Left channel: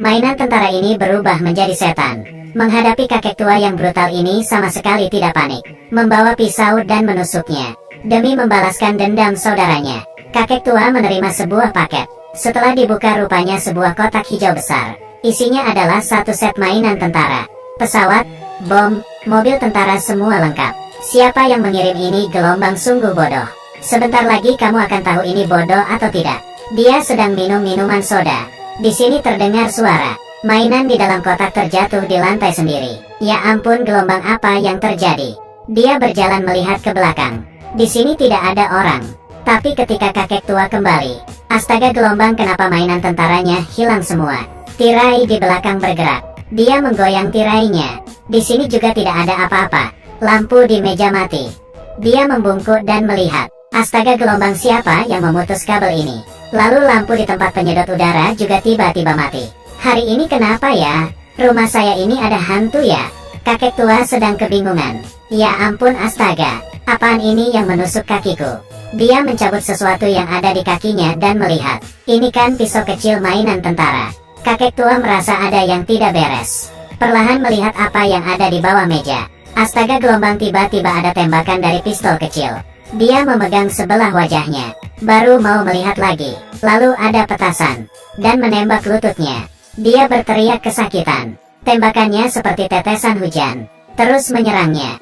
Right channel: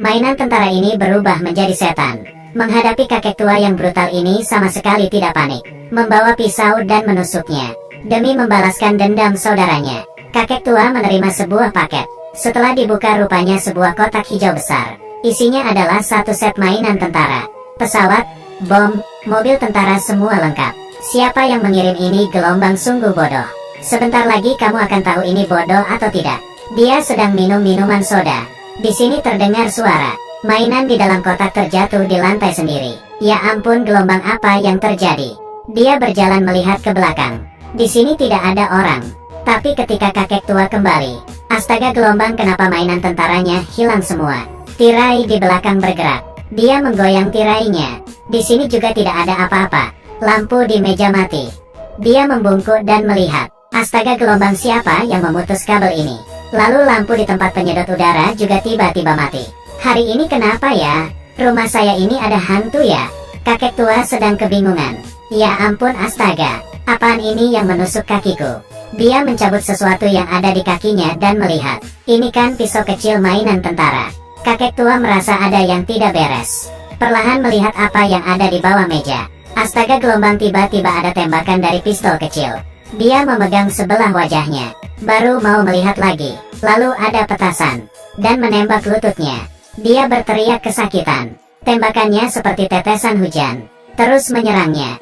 Mainan tentara ini berubah menjadi setan. Menghadapi kakek tua yang brutal ini sama sekali tidak panik. Membawa pisau dan menusuknya. Demi membalaskan dendam saudaranya, kakek tua menerima sebuah paket. Setelah dibuka rupanya sebuah kotak hijau besar. Isinya adalah satu set mainan tentara. Pesawat, bom, mobil tentara semua lengkap. Siapa yang mengirim ini gelombang sungguh bodoh. Sebentar lagi kamu akan tahu ini bodoh atau tidak. Dia sedang minum minuman soda. Di sini terdengar suara. Mainan di dalam kotak terjatuh di lantai sendiri. Ya ampun, gelombang apa yang terjadi? Dia berjalan melihat ke belakang. Di sini tidak ada orang. Tapi ketika kakek tua kembali, astaga, gelombang, kenapa mainan tentaranya hilang semua? Tirai di belakang bergerak. Dia menggoyang tirainya. Di sini juga tidak ada apa-apa. Lampu di meja mati. Dia membungkuk dan melihat. Astaga, gelombang, siapa yang memutus kabel ini? Lalu lampu di tempat penyedot udara juga tiba-tiba mati. Hari ini kenapa ya? Rumah saya ini ada hantu ya? Kakek tua sedang kebingungan. Ya ampun, astaga. Apaan ini yang menusuk kakiku? Dia mencabut sesuatu yang ada di kakinya dan melihat. Ini kan pisau kecil mainan tentara. Kakek tua merasa ada yang tidak beres. Perlahan melihat apa yang ada di bawah meja. Astaga, gelombang, tiba-tiba ada tembakan dari pistol kecil. Dia memegang sebelah wajahnya. Baru mau melihat lagi. Lalu ada petasan. Dan menembak lututnya. Dia berteriak kesakitan. Tembakannya seperti tetesan hujan. Terus menyerangnya.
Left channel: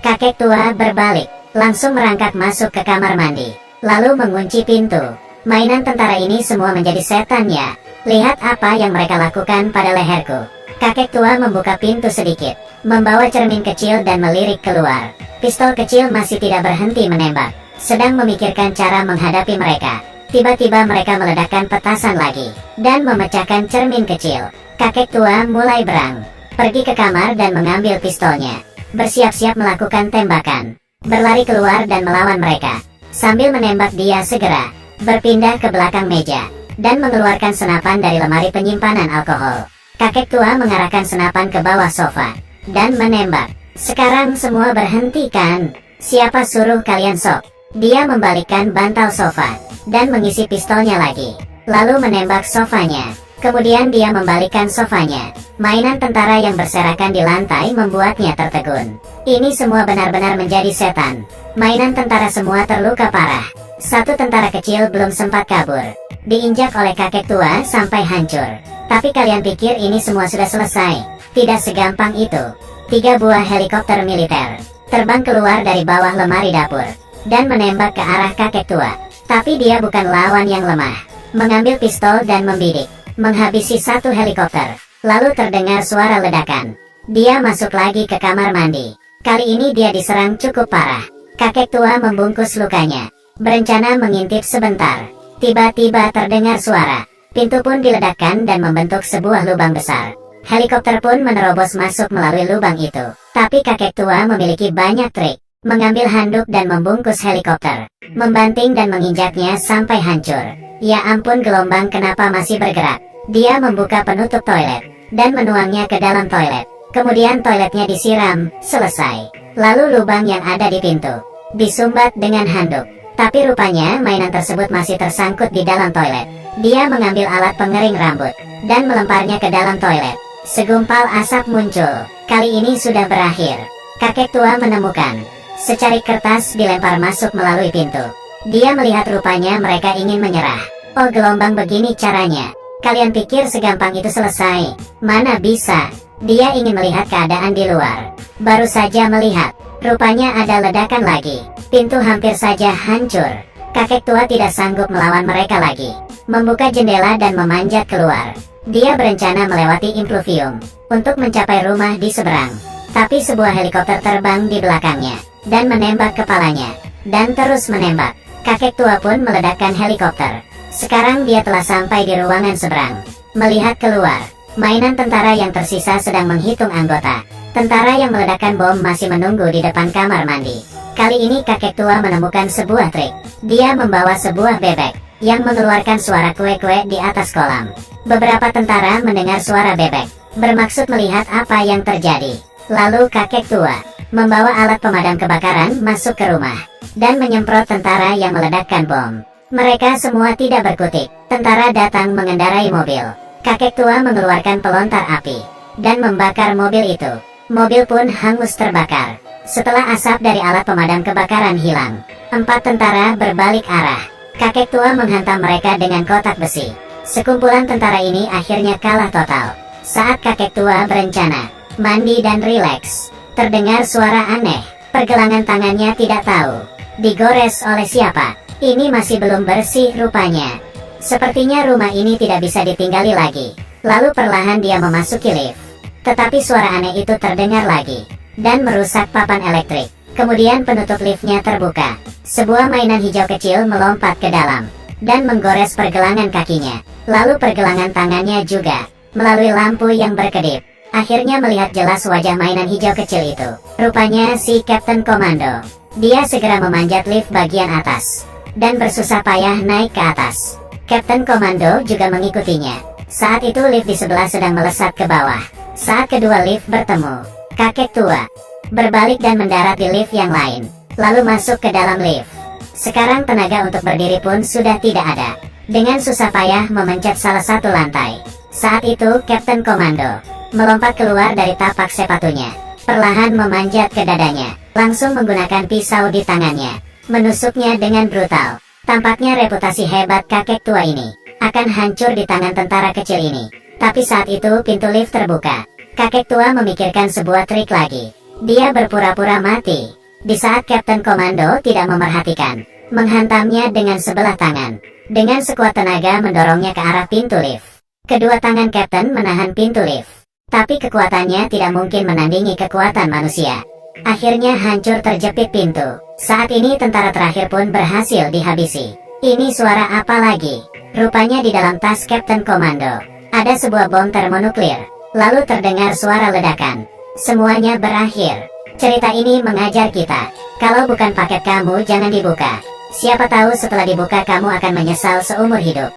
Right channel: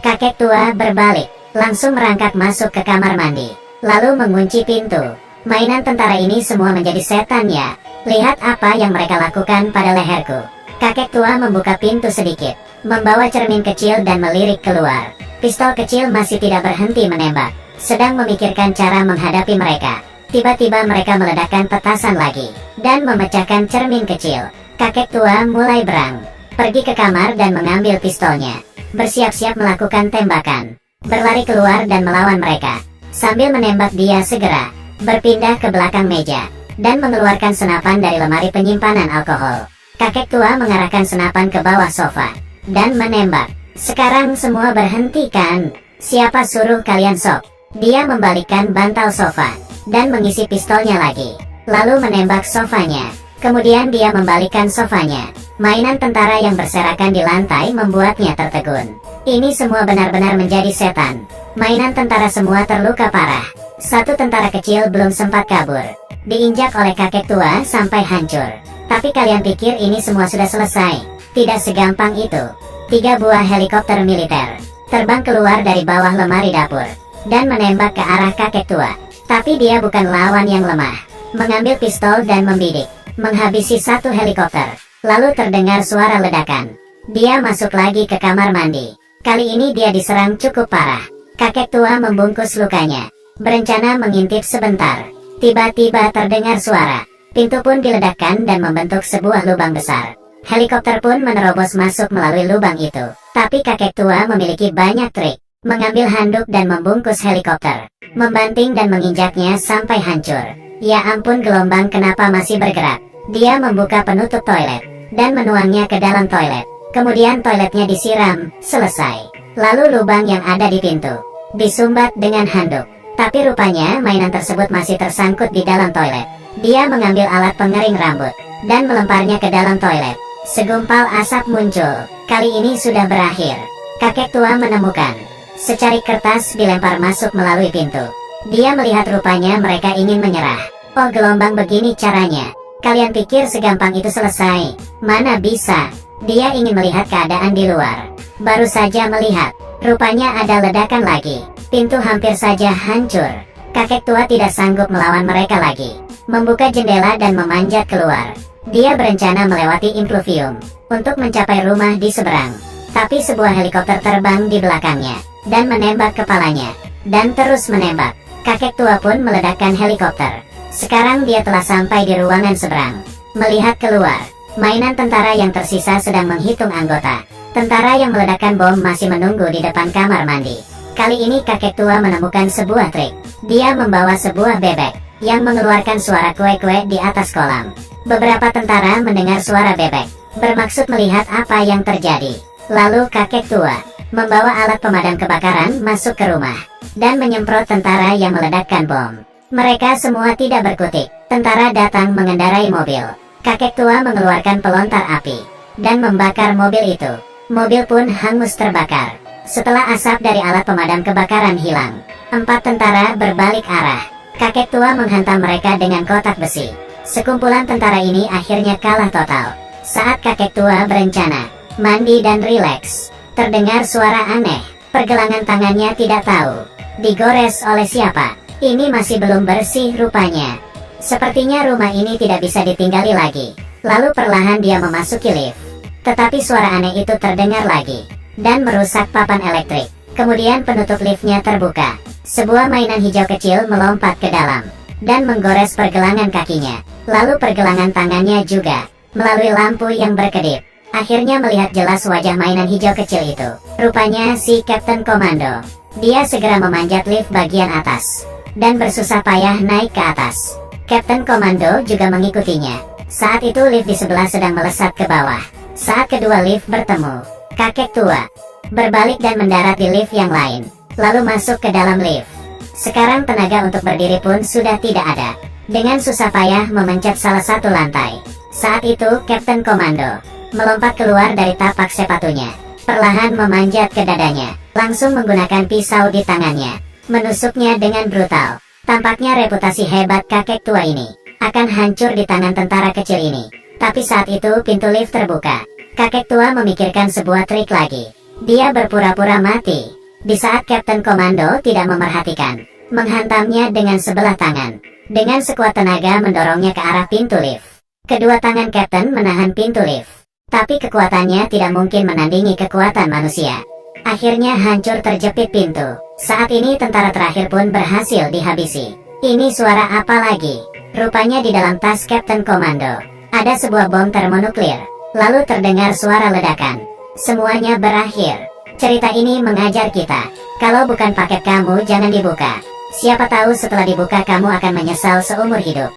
Kakek tua berbalik. Langsung merangkak masuk ke kamar mandi. Lalu mengunci pintu. Mainan tentara ini semua menjadi setan ya. Lihat apa yang mereka lakukan pada leherku. Kakek tua membuka pintu sedikit. Membawa cermin kecil dan melirik keluar. Pistol kecil masih tidak berhenti menembak. Sedang memikirkan cara menghadapi mereka. Tiba-tiba mereka meledakkan petasan lagi. Dan memecahkan cermin kecil. Kakek tua mulai berang. Pergi ke kamar dan mengambil pistolnya. Bersiap-siap melakukan tembakan. Berlari keluar dan melawan mereka. Sambil menembak dia segera berpindah ke belakang meja. Dan mengeluarkan senapan dari lemari penyimpanan alkohol. Kakek tua mengarahkan senapan ke bawah sofa. Dan menembak. Sekarang semua berhenti kan? Siapa suruh kalian sok? Dia membalikkan bantal sofa. Dan mengisi pistolnya lagi. Lalu menembak sofanya. Kemudian dia membalikkan sofanya. Mainan tentara yang berserakan di lantai membuatnya tertegun. Ini semua benar-benar menjadi setan. Mainan tentara semua terluka parah. Satu tentara kecil belum sempat kabur. Diinjak oleh kakek tua sampai hancur. Tapi kalian pikir ini semua sudah selesai? Tidak segampang itu. 3 buah helikopter militer terbang keluar dari bawah lemari dapur. Dan menembak ke arah kakek tua. Tapi dia bukan lawan yang lemah. Mengambil pistol dan membidik. Menghabisi satu helikopter. Lalu terdengar suara ledakan. Dia masuk lagi ke kamar mandi. Kali ini dia diserang cukup parah. Kakek tua membungkus lukanya. Berencana mengintip sebentar. Tiba-tiba terdengar suara. Pintu pun diledakkan dan membentuk sebuah lubang besar. Helikopter pun menerobos masuk melalui lubang itu. Tapi kakek tua memiliki banyak trik. Mengambil handuk dan membungkus helikopter. Membanting dan menginjaknya sampai hancur. Ya ampun, gelombang, kenapa masih bergerak? Dia membuka penutup toilet. Dan menuangnya ke dalam toilet. Kemudian toiletnya disiram. Selesai. Lalu lubang yang ada di pintu disumbat dengan handuk. Tapi rupanya mainan tersebut masih tersangkut di dalam toilet. Dia mengambil alat pengering rambut. Dan melemparnya ke dalam toilet. Segumpal asap muncul. Kali ini sudah berakhir. Kakek tua menemukan secarik kertas dilempar masuk melalui pintu. Dia melihat rupanya mereka ingin menyerah. Oh, gelombang, begini caranya. Kalian pikir segampang itu selesai? Mana bisa. Dia ingin melihat keadaan di luar. Baru saja melihat. Rupanya ada ledakan lagi. Pintu hampir saja hancur. Kakek tua tidak sanggup melawan mereka lagi. Membuka jendela dan memanjat keluar. Dia berencana melewati impluvium untuk mencapai rumah di seberang. Tapi sebuah helikopter terbang di belakangnya. Dan menembak kepalanya. Dan terus menembak. Kakek tua pun meledakkan helikopter. Sekarang dia telah sampai di ruangan seberang. Melihat keluar. Mainan tentara yang tersisa sedang menghitung anggota. Tentara yang meledakkan bom masih menunggu di depan kamar mandi. Kali ini kakek tua menemukan sebuah trik. Dia membawa sebuah bebek yang mengeluarkan suara kue-kue di atas kolam. Beberapa tentara mendengar suara bebek. Bermaksud melihat apa yang terjadi. Lalu kakek tua membawa alat pemadam kebakaran masuk ke rumah. Dan menyemprot tentara yang meledakkan bom. Mereka semua tidak berkutik. Tentara datang mengendarai mobil. Kakek tua mengeluarkan pelontar api dan membakar mobil itu. Mobil pun hangus terbakar. Setelah asap dari alat pemadam kebakaran hilang, 4 tentara berbalik arah. Kakek tua menghantam mereka dengan kotak besi. Sekumpulan tentara ini akhirnya kalah total. Saat kakek tua berencana mandi dan rileks, terdengar suara aneh. Pergelangan tangannya tidak tahu digores oleh siapa. Ini masih belum bersih rupanya. Sepertinya rumah ini tidak bisa ditinggali lagi. Lalu perlahan dia memasuki lift. Tetapi suara aneh itu terdengar lagi dan merusak papan elektrik. Kemudian penutup liftnya terbuka. Sebuah mainan hijau kecil melompat ke dalam dan menggores pergelangan kakinya. Lalu pergelangan tangannya juga. Melalui lampu yang berkedip, akhirnya melihat jelas wajah mainan hijau kecil itu. Rupanya si Kapten Komando. Dia segera memanjat lift bagian atas dan bersusah payah naik ke atas. Kapten Komando juga mengikutinya. Saat itu lift di sebelah sedang melesat ke bawah. Saat kedua lift bertemu, kakek tua berbalik dan mendarat di lift yang lain, lalu masuk ke dalam lift. Sekarang tenaga untuk berdiri pun sudah tidak ada. Dengan susah payah memencet salah satu lantai. Saat itu Kapten Komando melompat keluar dari tapak sepatunya, perlahan memanjat ke dadanya, langsung menggunakan pisau di tangannya, menusuknya dengan brutal. Tampaknya reputasi hebat kakek tua ini akan hancur di tangan tentara kecil ini. Tapi saat itu pintu lift terbuka. Kakek tua memikirkan sebuah trik lagi. Dia berpura-pura mati. Di saat Kapten Komando tidak memerhatikan, menghantamnya dengan sebelah tangan. Dengan sekuat tenaga mendorongnya ke arah pintu lift. Kedua tangan Kapten menahan pintu lift. Tapi kekuatannya tidak mungkin menandingi kekuatan manusia. Akhirnya hancur terjepit pintu. Saat ini tentara terakhir pun berhasil dihabisi. Ini suara apa lagi? Rupanya di dalam tas Kapten Komando ada sebuah bom termonuklir. Lalu terdengar suara ledakan. Semuanya berakhir. Cerita ini mengajar kita, kalau bukan paket kamu jangan dibuka. Siapa tahu setelah dibuka kamu akan menyesal seumur hidup.